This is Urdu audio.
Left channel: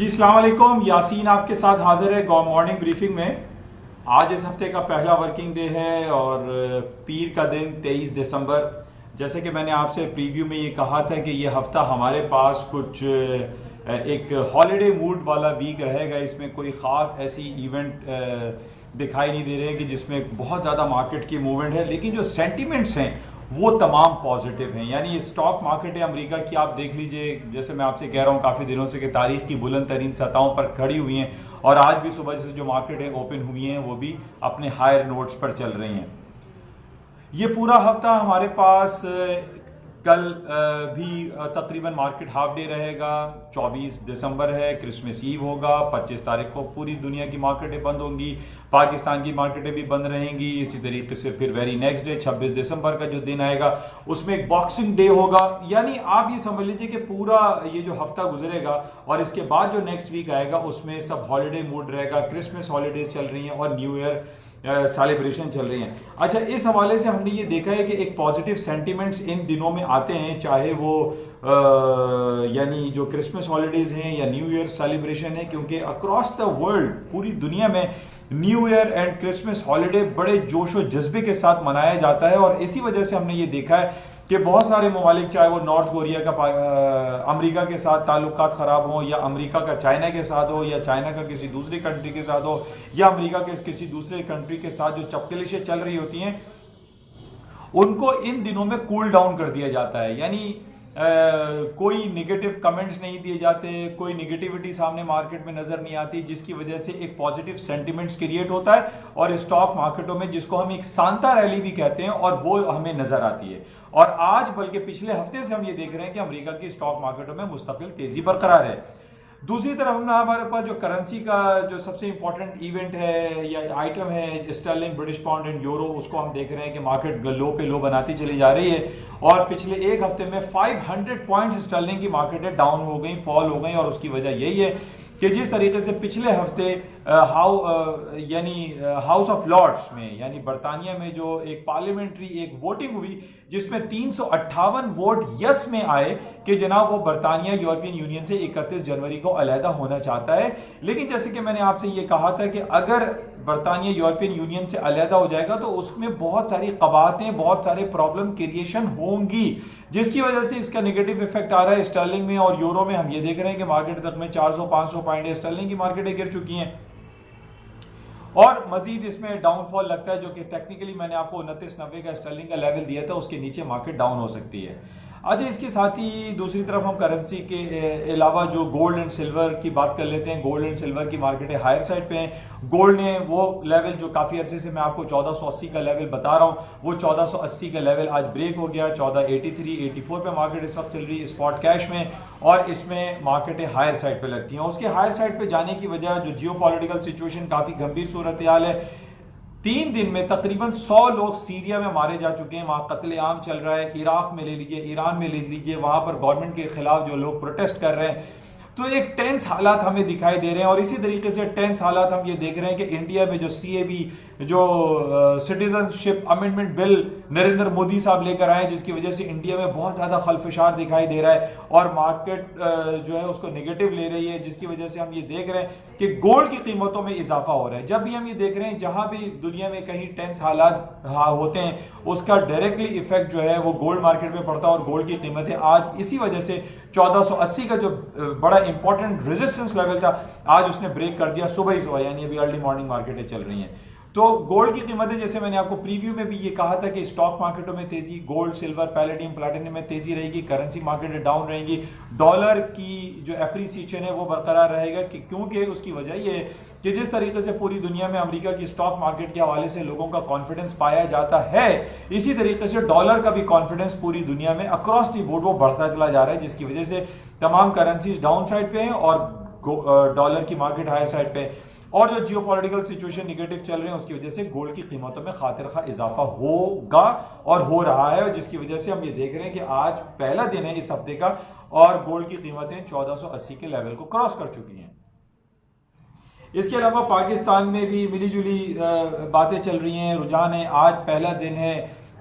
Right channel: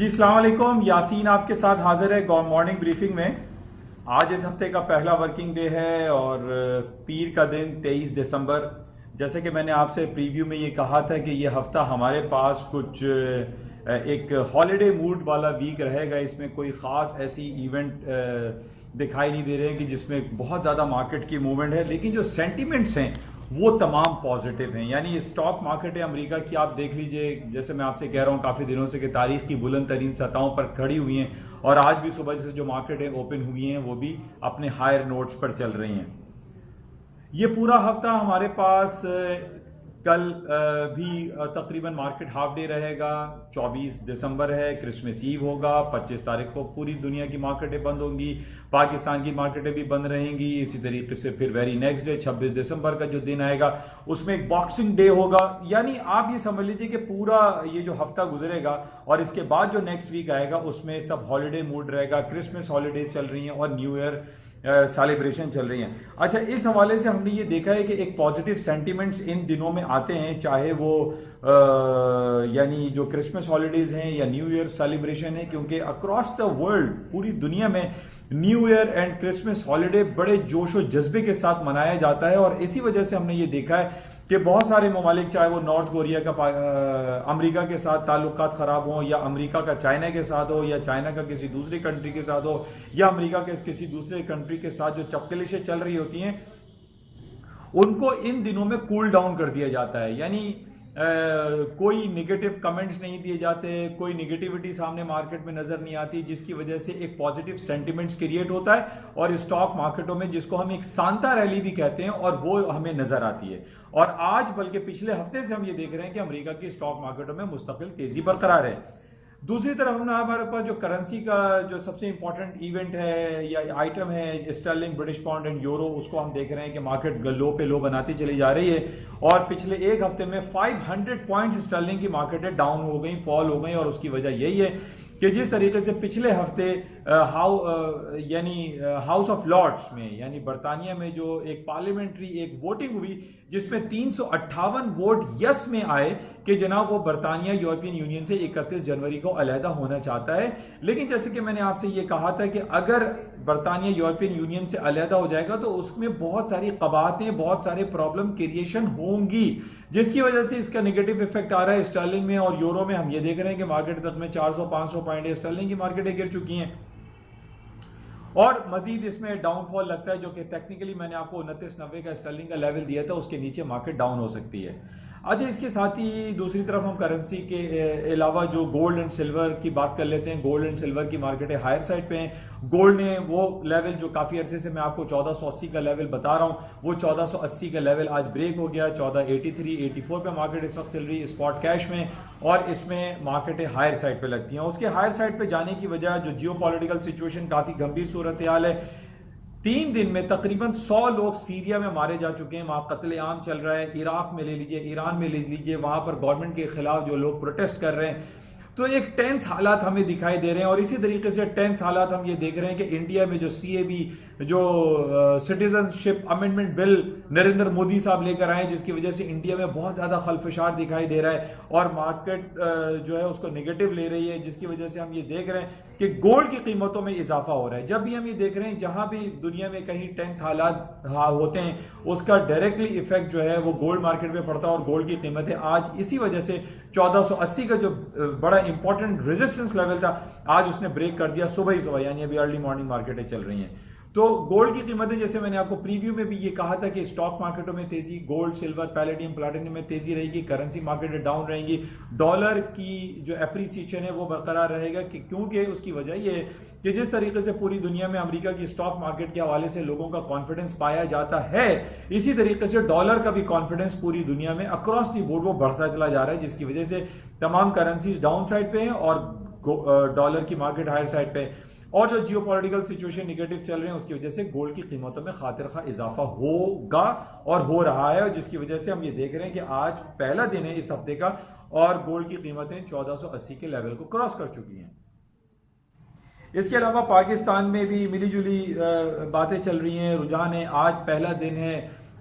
جی السلام علیکم، یاسین آپ کے ساتھ حاضر ہے مارننگ بریفنگ میں۔ آج اس ہفتے کا پہلا ورکنگ ڈے ہے اور پیر کا دن 23 دسمبر۔ جیسے کہ میں نے آپ سے پریویو میں یہ کہا تھا کہ یہ ہفتہ ہمارے پاس کچھ ایک ہالیڈے موڈ والا ویک رہے گا۔ اس میں کوئی خاص ایسی ایونٹ دکھائی نہیں دے رہے ہیں کہ جس میں بہت زیادہ مارکیٹ کی موومنٹ ہے، لیکن جو سینٹیمنٹس ہیں وہ تمام پازیٹیو ہیں۔ یعنی اسٹاک مارکیٹ ہے امریکہ کی، آپ دیکھ لیجئے، جیسے میں آپ سے کہہ رہا ہوں کافی دنوں سے کہ تاریخ کی بلند ترین سطحوں پر کھڑی ہوئی ہیں، اور آج بھی صبح سے جو مارکیٹیں اوپن ہوئی ہیں وہ بھی اپنے ہائر نوٹس پر چل رہی ہیں۔ یہ پورا ہفتہ ہمارے پاس کل بھی تقریباً مارکیٹ ہاف ڈے رہے گا۔ 24 دسمبر ہے، کرسمس ایو ہوگا۔ 25 تاریخ کو پوری دنیا کی مارکیٹیں بند ہوں گی، پاکستان کی مارکیٹیں بھی بند رہیں گی۔ اسی طریقے سے پھر ویری نیکسٹ ڈے 26 دسمبر کا جو دن آئے گا اس میں ایک باکسنگ ڈے ہوگا۔ یعنی آپ یہ سمجھ لیجیے کہ پورا یہ جو ہفتہ گزرے گا اور اس کے بعد جو نیکسٹ ویک آئے گا اس میں سب ہالیڈے موڈ رہے گا۔ کرسمس ہالیڈیز چل رہی ہیں اور نیو ایئر سیلیبریشن چل رہی ہیں۔ اچھا، اس حوالے سے ہم نے یہ دیکھا ہے کہ ایک پازیٹیو سینٹیمنٹس ان دنوں میں آتے ہیں، چاہے وہ یعنی جو کرسمس ہالیڈیز ہیں یا نیو ایئر سیلیبریشن ہے، کیونکہ اکراس دا ورلڈ پوری دنیا میں new year and Christmas holiday بڑے جوش و جذبے کے ساتھ منایا جاتا ہے۔ اور اسی وجہ سے ہم نے یہ دیکھا ہے کہ بہت سارے ممالک، چاہے وہ نارتھ کوریا کا امریکہ کے ساتھ تعلقات خراب ہوں، یا امریکہ کا چائنا کے ساتھ ہو، یا چائنا کا کسی دوسری کنٹری کے ساتھ ہو، یا امریکہ کے کسی دوسرے کنٹری کے ساتھ جو چپکلشیں چل رہی ہوتی ہیں، ان کو ان دنوں میں کول ڈاؤن کر دیا جاتا ہے۔ یعنی کوئی نگیٹو کمنٹس نہیں دیے جاتے، کوئی نگیٹیوٹی سامنے مارکیٹ میں نظر نہیں آتی، جس کی وجہ سے ایک پازیٹیو سینٹیمنٹس کریٹ ہوتا ہے اور اسٹاک مارکیٹوں میں جس کو ہم ایک سانتا ریلی بھی کہتے ہیں اور وہ ہمیں نظر آتی ہے۔ اور آج بلکہ پچھلے ہفتے سے ہم یہ دیکھ رہے ہیں کہ امریکہ کی اسٹاک مارکیٹوں میں مستقل تیزی برقرار ہے۔ دوسری طرف ہمارے پاس جو کرنسی کا جو سب سے امپورٹنٹ ایونٹ ہے یا آئٹم ہے، sterling, British pound and euro, اس کو ہم دیکھ رہے ہیں کہ مارکیٹ لو پہ لو بناتی چلی جا رہی ہے، اور پچھلے ایک ہفتے میں 500 پوائنٹس اسٹرلنگ کی مارکیٹیں ڈاؤن ہو گئیں، فال ہو گئیں، اور اس کی وجہ یہی ہے کہ جس طریقے سے پچھلے ہفتے ہاؤس آف لارڈس میں یعنی برطانیہ میں جو ایک پارلیمنٹری ایک ووٹنگ ہوئی جس میں 358 ووٹ یس میں آئے کہ جناب وہ برطانیہ یورپین یونین سے 31 جنوری کو علیحدہ ہونا چاہتا ہے۔ لیکن جیسے کہ میں نے آپ سے یہ کہا تھا کہ اگر برطانیہ یورپین یونین سے علیحدہ ہو جائے گا تو اس میں بہت ساری قباحتیں، بہت سارے پرابلم کریشن ہوں گی، جس کی وجہ سے اس کا نیگیٹو ایفیکٹ آ رہا ہے اسٹرلنگ میں اور یورو میں۔ ہم یہ دیکھ رہے ہیں کہ مارکیٹ تک میں 400-500 پوائنٹ اسٹرلنگ کی مارکیٹیں گر چکی ہیں، اور مزید اس میں ڈاؤن فال لگتا ہے جو کہ ٹیکنیکلی میں نے آپ کو 29.90 کا اسٹرلنگ کا لیول دیا تھا، اس کے نیچے مارکیٹ ڈاؤن ہو سکتی ہے۔ اچھا، اس کے ساتھ ہی دوسری طرف ہم کرنسی کے علاوہ جو گولڈ اینڈ سلور کی بات کر لیتے ہیں۔ گولڈ اینڈ سلور کی مارکیٹیں ہائر سائڈ پہ ہیں۔ گولڈ نے وہ لیول جو کافی عرصے سے میں آپ کو 1480 کا لیول بتا رہا ہوں، وہ 1480 کا لیول آج بریک ہو گیا۔ 1483-84 پہ مارکیٹ اس وقت چل رہی ہے اسپاٹ کیش میں، اور اس میں مارکیٹیں ہائر سائڈ پہ لگتی ہیں۔ اس کے ہائر سائڈ پہ جانے کی وجہ جو جیو پولیٹیکل سچویشن کافی گمبھیر صورتحال ہے۔ 3 دن میں تقریباً 100 لوگ سیریا میں مارے جا چکے ہیں، وہاں قتل عام چل رہا ہے۔ عراق میں لے لیجئے، ایران میں لے لیجئے، وہاں پر گورنمنٹ کے خلاف جو لوگ پروٹیسٹ کر رہے ہیں، تو ایک ٹینس حالات ہمیں دکھائی دے رہے ہیں۔ اور اسی طریقے سے ٹینس حالات ہم یہ دیکھ رہے ہیں کہ انڈیا میں جو سی اے بی جو سٹیزن شپ امینڈمنٹ بل نریندر مودی صاحب لے کر آئے، جس کی وجہ سے انڈیا میں بہت زیادہ خلفشار دکھائی دے رہا ہے اور مارکیٹ جو ہے اس کو نیگیٹو لے رہی ہے، جس کی وجہ سے ہم یہ دیکھ رہے ہیں کہ گولڈ کی قیمتوں میں اضافہ ہو رہا ہے۔ جب بھی ہم یہ دیکھ رہے ہیں جہاں بھی دنیا میں کہیں ٹینس حالات ہوتے ہیں، اس کا ڈائریکٹلی ایفیکٹ جو ہے وہ گولڈ مارکیٹ میں پڑتا ہے، اور گولڈ کی قیمتیں آج اسی وجہ سے 1480 کا جو بڑا امپورٹنٹ ریزسٹنس لیول تھا، آج اس نے بریک کر دیا صبح ہی صبح، یعنی ابھی ارلی مارننگ مارکیٹیں چل رہی ہیں۔ تو گولڈ کی قیمتیں، جیسے میں نے آپ کو پریویو میں بھی یہ کہا تھا کہ اسٹاک مارکیٹوں میں تیزی، گولڈ، سلور، پیلیڈیم، پلاٹینم میں تیزی رہے گی، کرنسی مارکیٹیں ڈاؤن رہیں گی، ڈالر کی جو اپریسیشن ہے وہ برقرار رہے گا، کیونکہ اس کی وجہ یہ ہے کہ جس طریقے سے پوری دنیا میں امریکہ کی اسٹاک مارکیٹ کے حوالے سے لوگوں کا کانفیڈنس پایا جاتا ہے، اسی طریقے سے ڈالر کا بھی کانفیڈنس پوری دنیا میں اکراس دی بورڈ وہ بڑھتا چلا جا رہا ہے، جس کی وجہ سے تمام کرنسیز ڈاؤن سائڈ پہ ہیں اور ڈالر کی مارکیٹ ہائر سائڈ پہ، اور جو جیو پولیٹیکل سچویشن نیگیٹو چل رہے ہیں اس کی وجہ سے گولڈ کی قیمتوں میں خاطر خواہ اضافہ ہوگا اور ہو رہا ہے، اور جس کی وجہ سے ہم یہ دیکھ رہے ہیں کہ آج پہلا دن ہے اس ہفتے کا اور گولڈ کی قیمتیں 1480 کے لیول کو کراس کر چکی ہیں۔ اس کے علاوہ پاکستان میں بھی ملی جلی باتیں چل رہی ہیں، رجحان ہے۔ آج پہلا دن ہے